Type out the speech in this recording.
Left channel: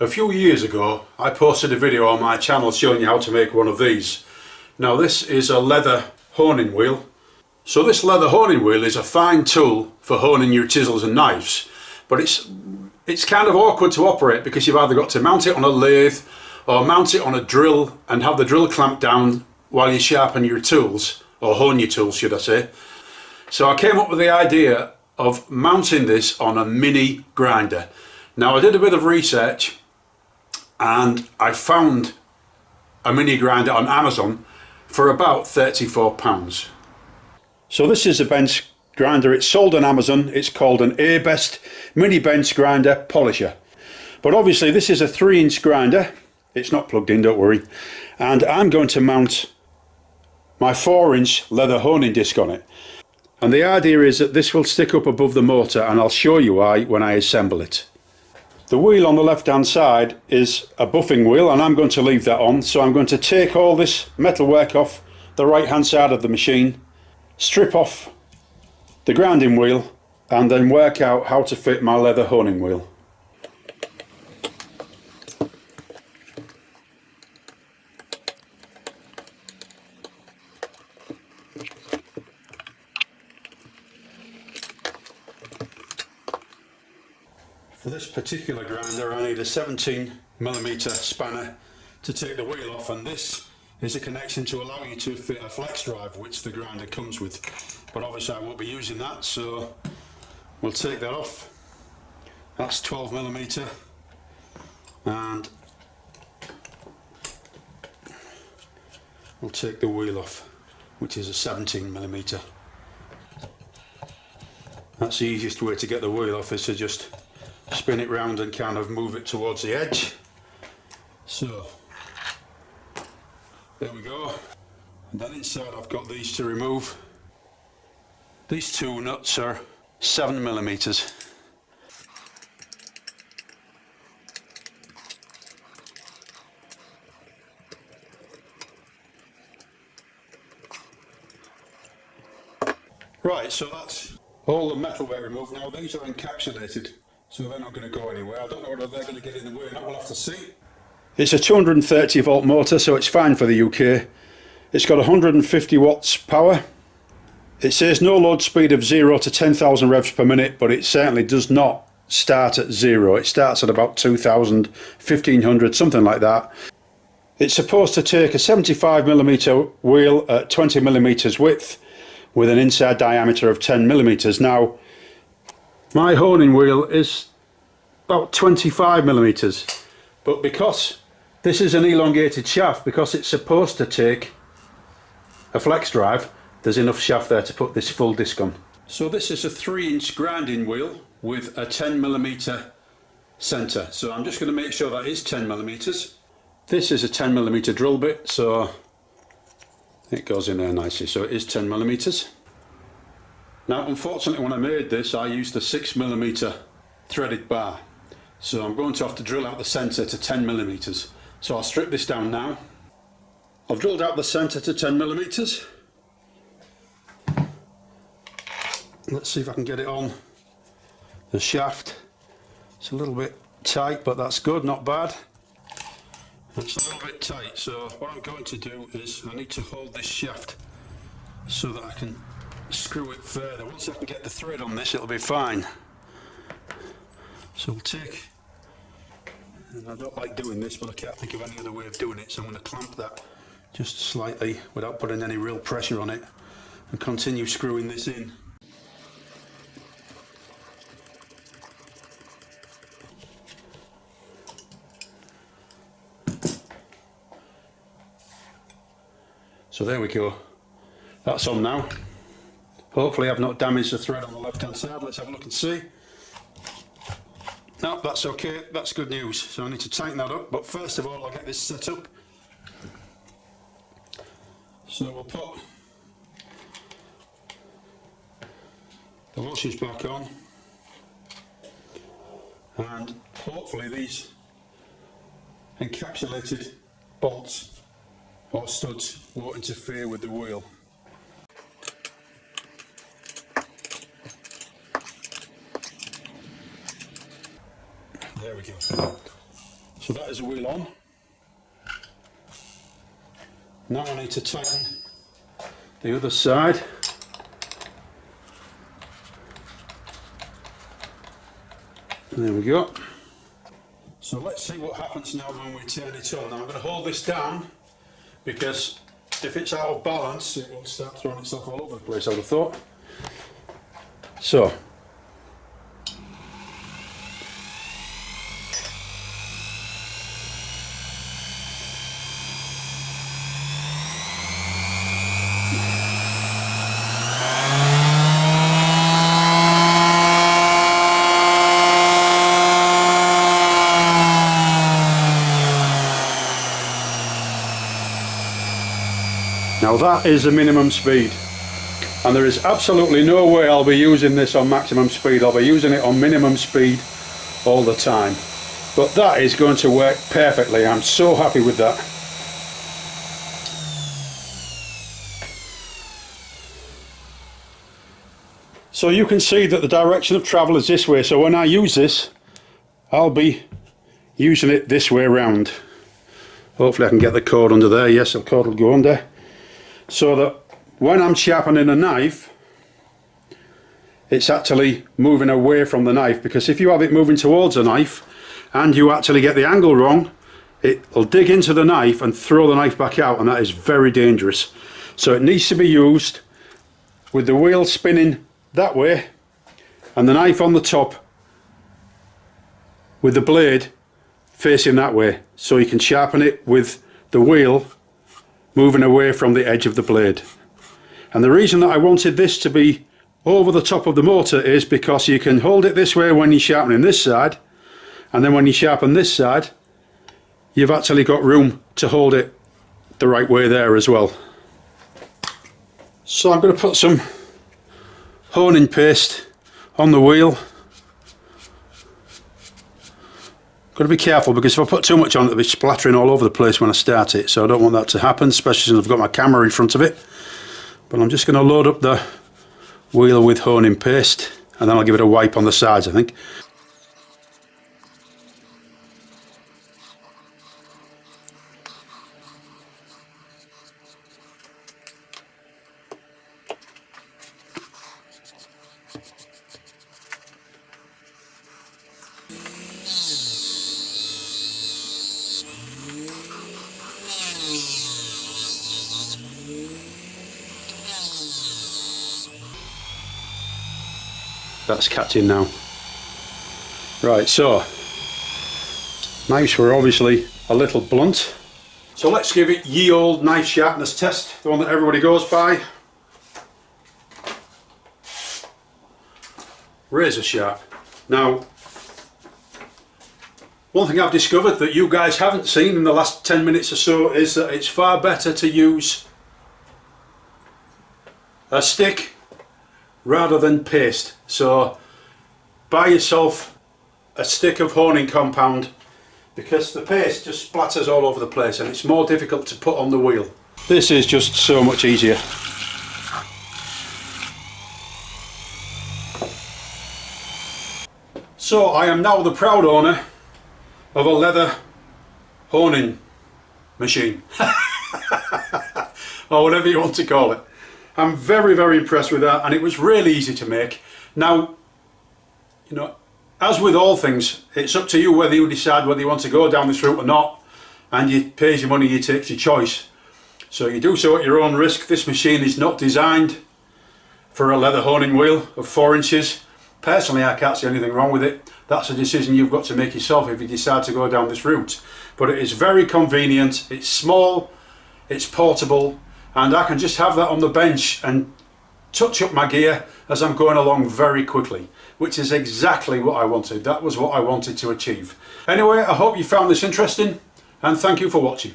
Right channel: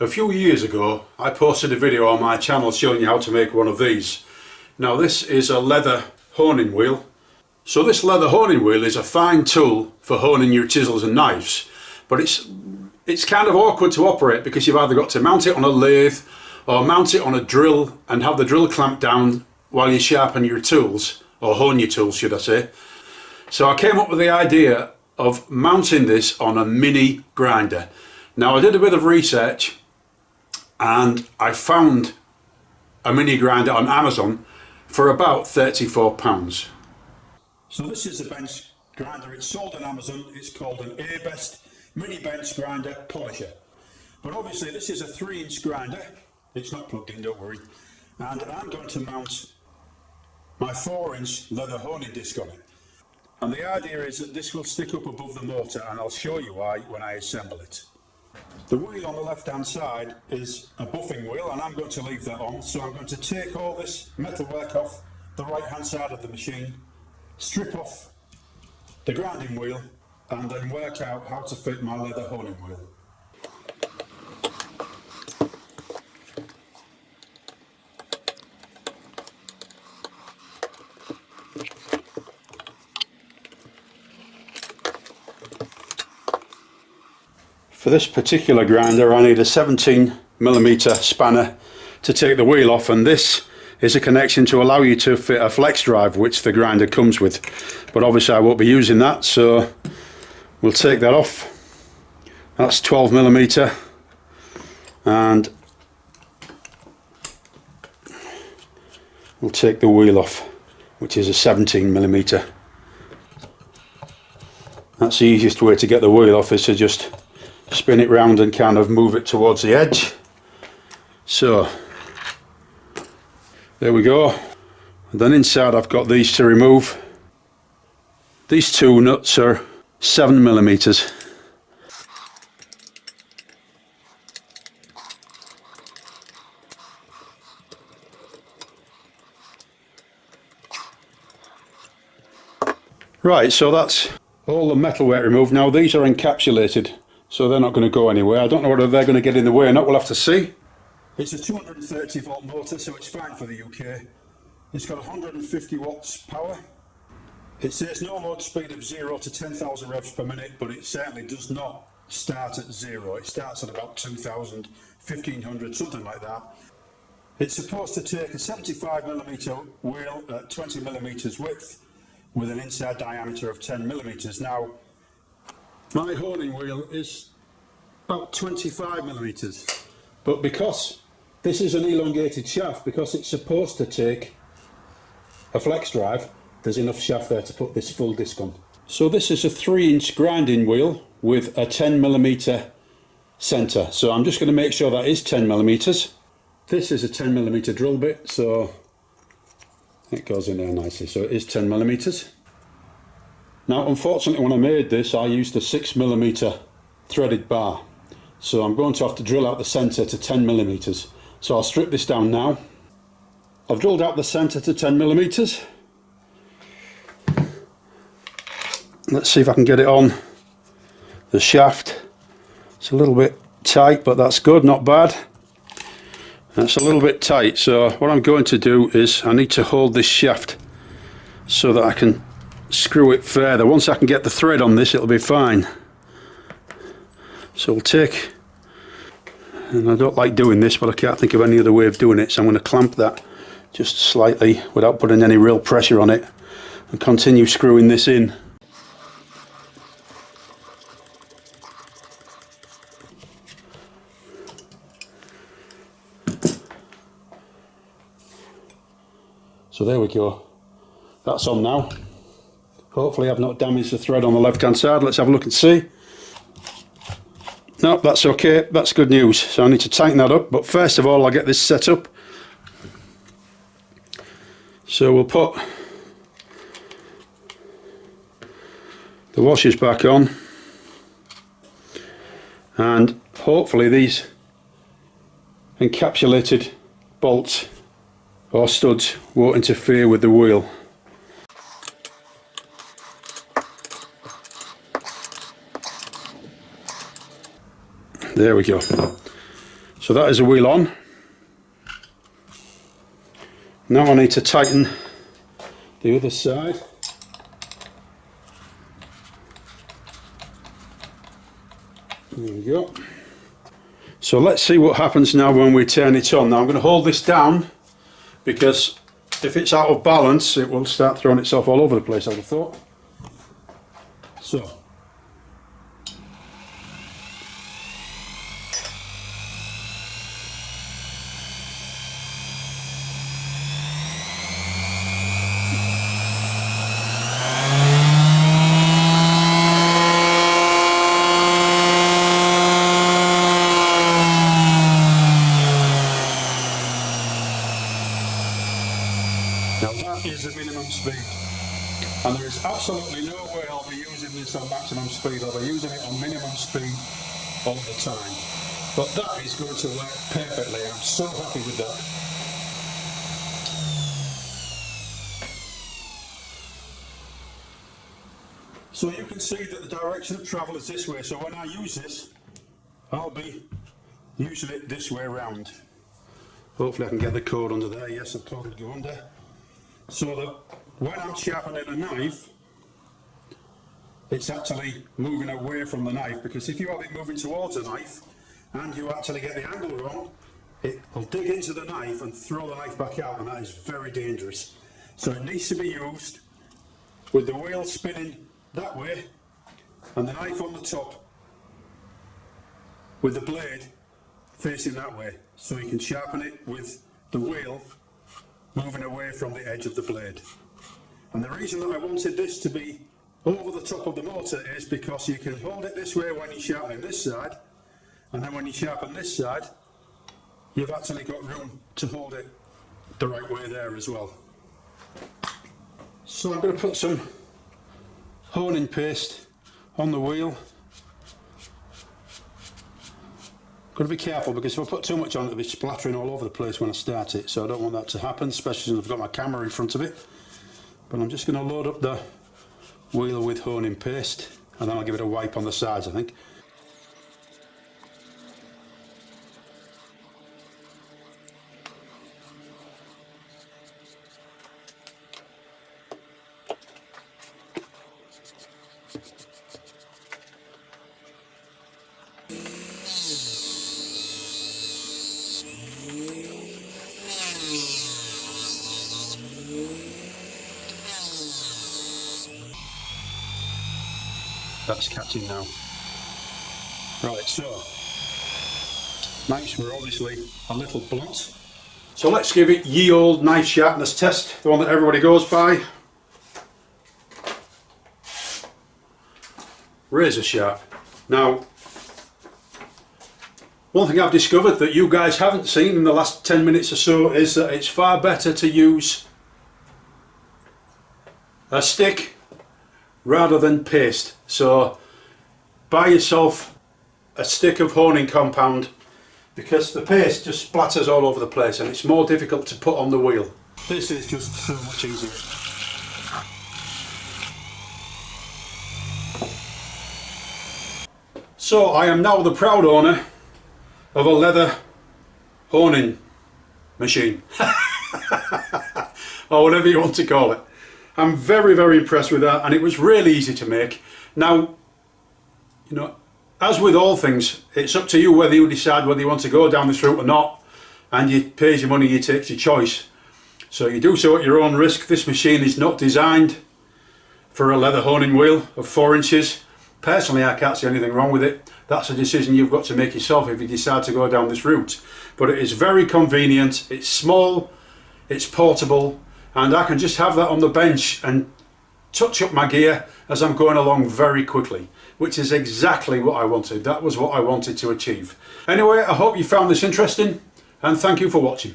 A few years ago I posted a video on my channel showing you how to make one of these. Now this is a leather honing wheel. So this leather honing wheel is a fine tool for honing your chisels and knives, but it's kind of awkward to operate because you've either got to mount it on a lathe or mount it on a drill and have the drill clamped down while you sharpen your tools, or hone your tools should I say. So I came up with the idea of mounting this on a mini grinder. Now I did a bit of research and I found a mini grinder on Amazon for about £34. So this is a bench grinder. It's sold on Amazon. It's called an A-Best mini bench grinder polisher. But obviously this is a 3-inch grinder. It's not plugged in, don't worry. And I'm going to mount my 4-inch leather honing disc on it. And the idea is that this will stick up above the motor, and I'll show you why when I assemble it. The wheel on the left hand side is a buffing wheel, and I'm going to leave that on. So I'm going to take all this metalwork off the right hand side of the machine, strip off the grinding wheel, and then work out how to fit my leather honing wheel. For this particular grinder I need a 17mm spanner to take the wheel off, and this is a connection to allow you to fit a flex drive which the grinder comes with, but obviously I won't be using that, so we'll take that off. That's 12mm, and we'll take the wheel off, which is a 17mm. That's the easiest way to get the wheel off, is to just spin it round and kind of move it towards the edge. So there we go. And then inside I've got these to remove. These two nuts are 7mm. Right, so that's all the metalwork removed. Now these are encapsulated, so they're not going to go anywhere. I don't know whether they're going to get in the way or not, we'll have to see. It's a 230 volt motor, so it's fine for the UK. It's got 150 watts power. It says no load speed of 0 to 10,000 revs per minute, but it certainly does not start at 0. It starts at about 2,000, 1,500, something like that. It's supposed to take a 75mm wheel at 20mm width with an inside diameter of 10mm. Now my honing wheel is about 25mm, but because this is an elongated shaft, because it's supposed to take a flex drive, there's enough shaft there to put this full disc on. So this is a 3-inch grinding wheel with a 10mm centre, so I'm just going to make sure that is 10mm. This is a 10mm drill bit, so it goes in there nicely, so it is 10mm. Now unfortunately when I made this I used a 6mm threaded bar, so I'm going to have to drill out the centre to 10mm. So I'll strip this down now. I've drilled out the centre to 10mm. Let's see if I can get it on the shaft. It's a little bit tight, but that's good, not bad. That's a little bit tight, so what I'm going to do is I need to hold this shaft so that I can screw it further. Once I can get the thread on this, it'll be fine. So we'll take, and I don't like doing this, but I can't think of any other way of doing it, so I'm going to clamp that just slightly without putting any real pressure on it and continue screwing this in. So there we go, that's on now. Hopefully I've not damaged the thread on the left hand side. Let's have a look and see. No, that's okay, that's good news. So I need to tighten that up, but first of all I'll get this set up. So we'll put the washers back on, and hopefully these encapsulated bolts or studs won't interfere with the wheel. There we go. So that is a wheel on. Now I need to tighten the other side. There we go. So let's see what happens now when we turn it on. Now I'm going to hold this down because if it's out of balance it will start throwing itself all over the place, I would have thought. So now that is the minimum speed, and there is absolutely no way I'll be using this on maximum speed. I'll be using it on minimum speed all the time. But that is going to work perfectly. I'm so happy with that. So you can see that the direction of travel is this way, so when I use this I'll be using it this way round. Hopefully I can get the cord under there. Yes, the cord will go under, so that when I'm sharpening a knife it's actually moving away from the knife, because if you have it moving towards a knife and you actually get the angle wrong, it'll dig into the knife and throw the knife back out, and that is very dangerous. So it needs to be used with the wheel spinning that way and the knife on the top with the blade facing that way, so you can sharpen it with the wheel moving away from the edge of the blade. And the reason that I wanted this to be over the top of the motor is because you can hold it this way when you're sharpening this side, and then when you sharpen this side you've actually got room to hold it the right way there as well. So I'm going to put some honing paste on the wheel. Got to be careful because if I put too much on it'll be splattering all over the place when I start it, so I don't want that to happen, especially since I've got my camera in front of it. But I'm just going to load up the wheel with honing paste and then I'll give it a wipe on the sides, I think. That's catching now. Right, so knives were obviously a little blunt. So let's give it ye old knife sharpness test, the one that everybody goes by. Razor sharp. Now, one thing I've discovered that you guys haven't seen in the last 10 minutes or so is that it's far better to use a stick rather than paste. So buy yourself a stick of honing compound, because the paste just splatters all over the place and it's more difficult to put on the wheel. This is just so much easier. So I am now the proud owner of a leather honing machine or whatever you want to call it. I'm very, very impressed with that, and it was really easy to make. Now, you know, as with all things, it's up to you whether you decide whether you want to go down this route or not, and you pay your money, you take your choice. So you do so at your own risk. This machine is not designed for a leather honing wheel of 4 inches. Personally, I can't see anything wrong with it. That's a decision you've got to make yourself if you decide to go down this route. But it is very convenient, it's small, it's portable, and I can just have that on the bench and touch up my gear as I'm going along very quickly, which is exactly what I wanted. That was what I wanted to achieve. Anyway, I hope you found this interesting, and thank you for watching.